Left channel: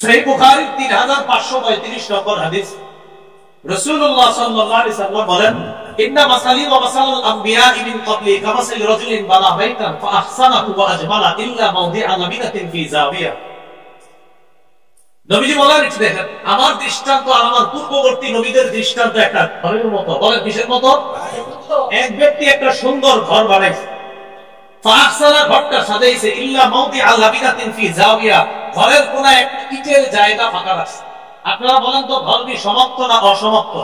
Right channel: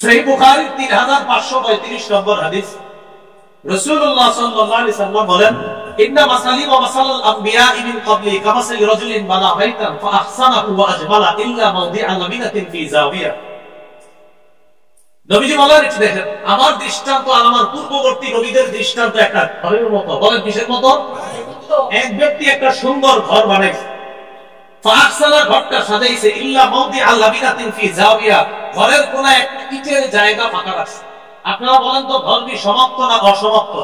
সহিহ বুখারী 3535 নম্বর হাদিস, রাসূলুল্লাহ সাল্লাল্লাহু আলাইহি সাল্লাম বলেন, ইন্না মাসালি ওয়া মাসালাল আমবিয়া মিন ক্বাবলি কামাসালি রাজুলিন বানা বাইতান ফাআহসানাহু ওয়া আজমালা ইল্লা মাওদিআ লামিনাতিন ফি যাওয়িয়া। নবীজি বলেন, একটু দেখেন, আমার দৃষ্টান্ত আর আমার পূর্ববর্তী নবীদের দৃষ্টান্ত একটা ঘরের মতো। বলেন কিসের মতো? এক ব্যক্তি একটা সুন্দর ঘর বানাইছে, ফাআহসানা, ঘরটা সাজাইছে, ইল্লা মাওদিআ লামিনাতিন ফি যাওয়িয়া, ঘরের কোনায় একটা ইটের জায়গা ফাঁকা রাখছে। আপনারা বলেন তো, ঘর কি সমাপ্ত না অসমাপ্ত?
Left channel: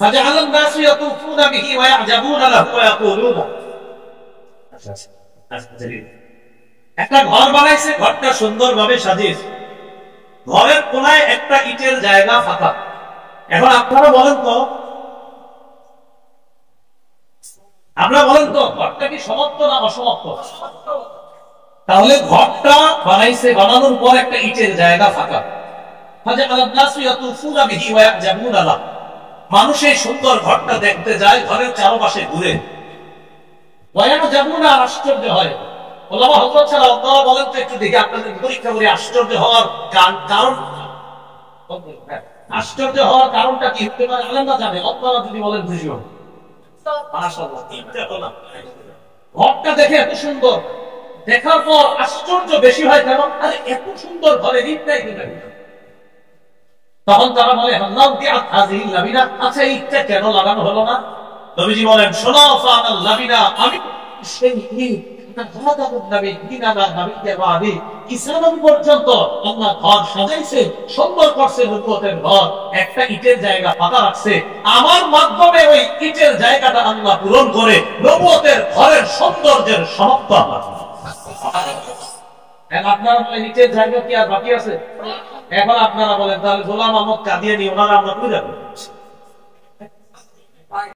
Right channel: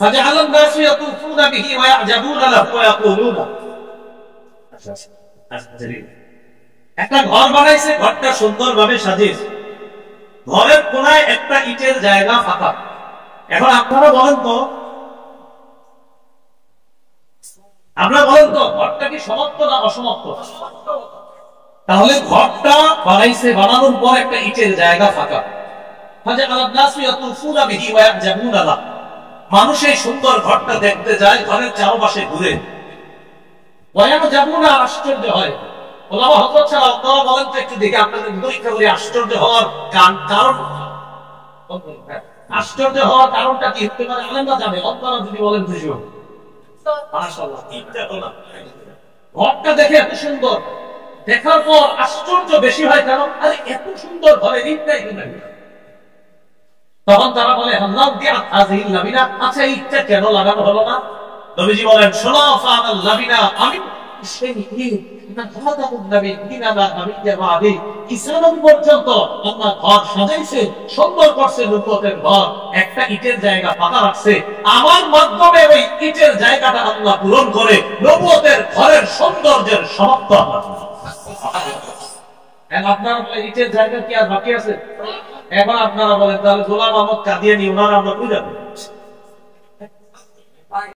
ফাজআলান নাসু ইয়াতুফুনা বিহি ওয়া ইয়াজাবুনা লাহু ওয়া ইয়াকুলুনা। একটা ঘর বানাইছে, ঘরটা সুন্দরভাবে সাজিয়েছে, ঘরের কোনায় একটা ইটের জায়গা ফাঁকা। এখন আপনারা বলেন তো, ঘরটা কি সমাপ্ত না অসমাপ্ত? তাহলে ঘরটা বানাইছে, বানানোর পর একটা ইটের জায়গা ফাঁকা। মানুষ এই সুন্দর ঘরটা দেখতে যায়, ঘরের চারপাশে ঘুরে আশ্চর্য হয়। ওলামা হযরত ছাড়া আপনারা বলেন তো, একটু দেখে আপনাদের পরীক্ষা করে আশ্চর্য হওয়ার কারণ, আশ্চর্য হওয়ার কারণটা কি হতে পারে আলেমরা জানে, আপনারা যদি বলেন খুশি হন। ঘরটা দেখে এত সুন্দর, দেখার পর আশ্চর্য বেশি হয় কেন? আরে এত সুন্দর ঘরে ইট নাই কেন? তখন তারা বলে, আচ্ছা ইটটা কেন লাগানো হলো না? নবীজি বলেন, শোনো, আমি সেই ইট পর্যন্ত আল্লাহ ঘর সাজাইছে, সুন্দর করছে, নবুয়তের ঘর, একটা ইটের জায়গা ফাঁকা রাখছে, আমার মাধ্যমে ওই ইটের জায়গাটা আল্লাহ পূরণ করে নবুয়তের ঘরের সৌন্দর্যের সমাপ্ত আল্লাহ। আপনারা বলেন ইটের জায়গা কি আর বাকি আছে? এখন আপনারা বলেন, তাহলে গোলাম আহমদ কাদিয়ানী ওনারা আমরা বুঝাবো।